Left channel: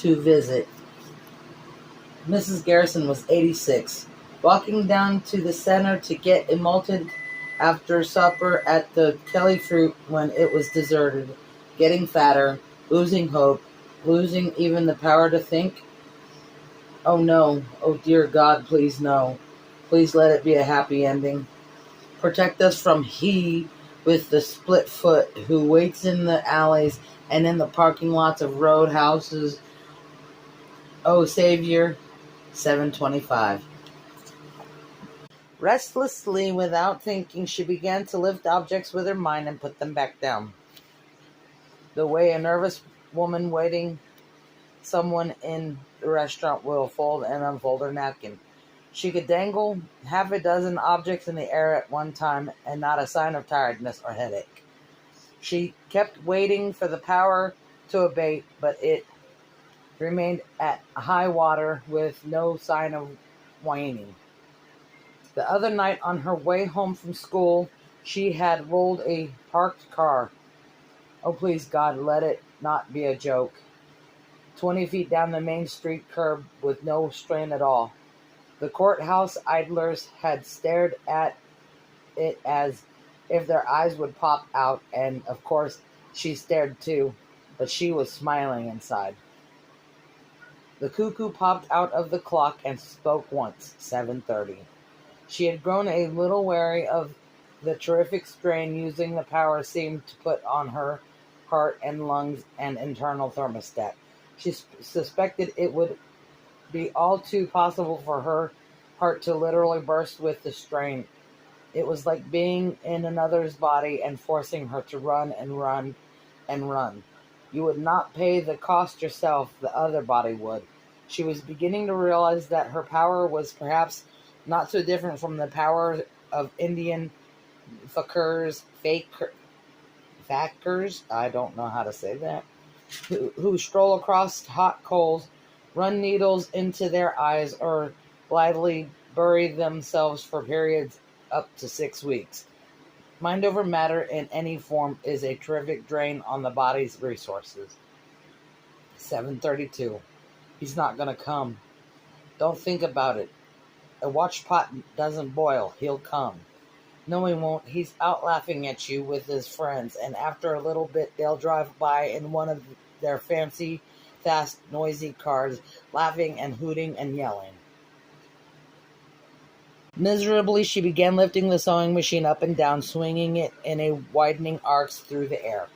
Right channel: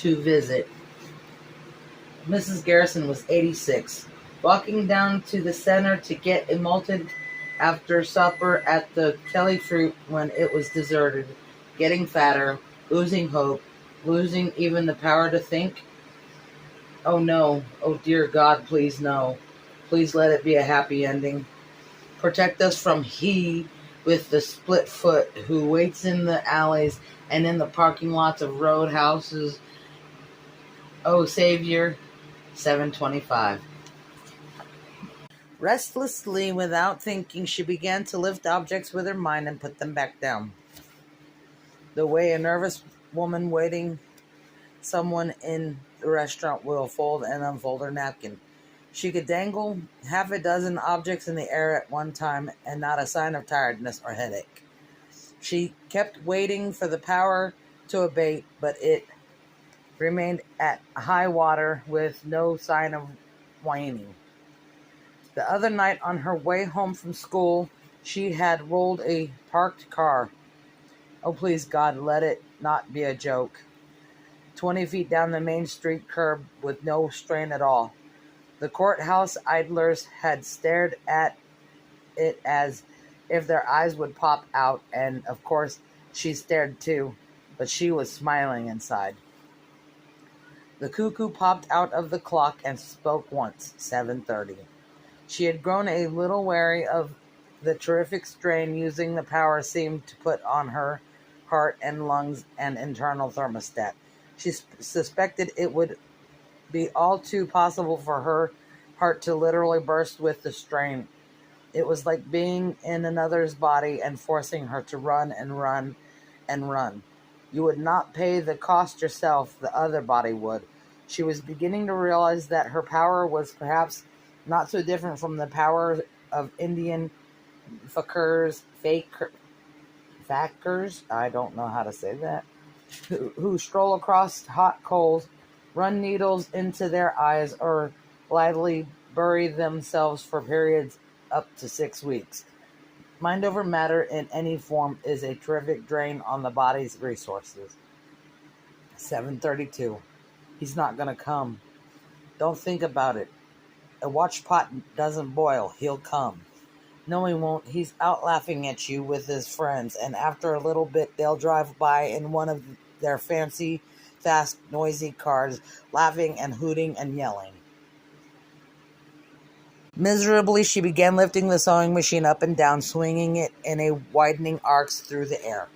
to visit. Mrs. Garrison was 86, walking down to the center to get a malted after supper at the Kelly Fruit when it was deserted, getting fatter, losing hope, losing even the power to think. Oh no, oh dear God, please no. Please let it be a happy ending. Protect us from he with the split foot who waits in the alleys and in the parking lots of roadhouses. Oh Savior, 725. Restlessly, without thinking, she began to lift objects with her mind and put them back down. The way a nervous woman waiting someone in the restaurant will fold and unfold her napkin. She could dangle half a dozen objects in the air at one time and not a sign of tiredness or headache. She kept waiting for the power to abate, but it remained at high water with no sign of waning. The other night on her way home from school, she had rolled a parked car. Oh, please, God, let it not be a joke. 20 feet down the main street curb with no strain at all. The courthouse idlers had stared at it as if their eyes would pop out, and of course she stared too, but she was smiling inside. The cuckoo popped out of the clock and spoke once, 7:30. She had grown a little wary of the terrific strain using the power seemed to put on her heart and lungs and internal thermostat. She suspected it would be all too possible for her heart to literally burst with the strain. It was like being in another's body and forcing her to run and run and run. You would not pay the cost yourself, the other body would. She was beginning to realize that her power was perhaps not so different from the power of Indian fakirs, I don't know how to say that, who stroll across hot coals, run needles into their eyes, or blithely bury themselves for periods up to 6 weeks. Mind over matter in any form is a terrific drain on the body's resources. 7:32. He's not going to come. Don't think about it. A watch pot doesn't boil. He'll come. No, he won't. He's out laughing at you with his friends, and after a little bit, they'll drive by in one of their fancy, fast, noisy cars, laughing and hooting and yelling. Miserably, she began lifting the sewing machine up and down, swinging it in a widening arcs through the air.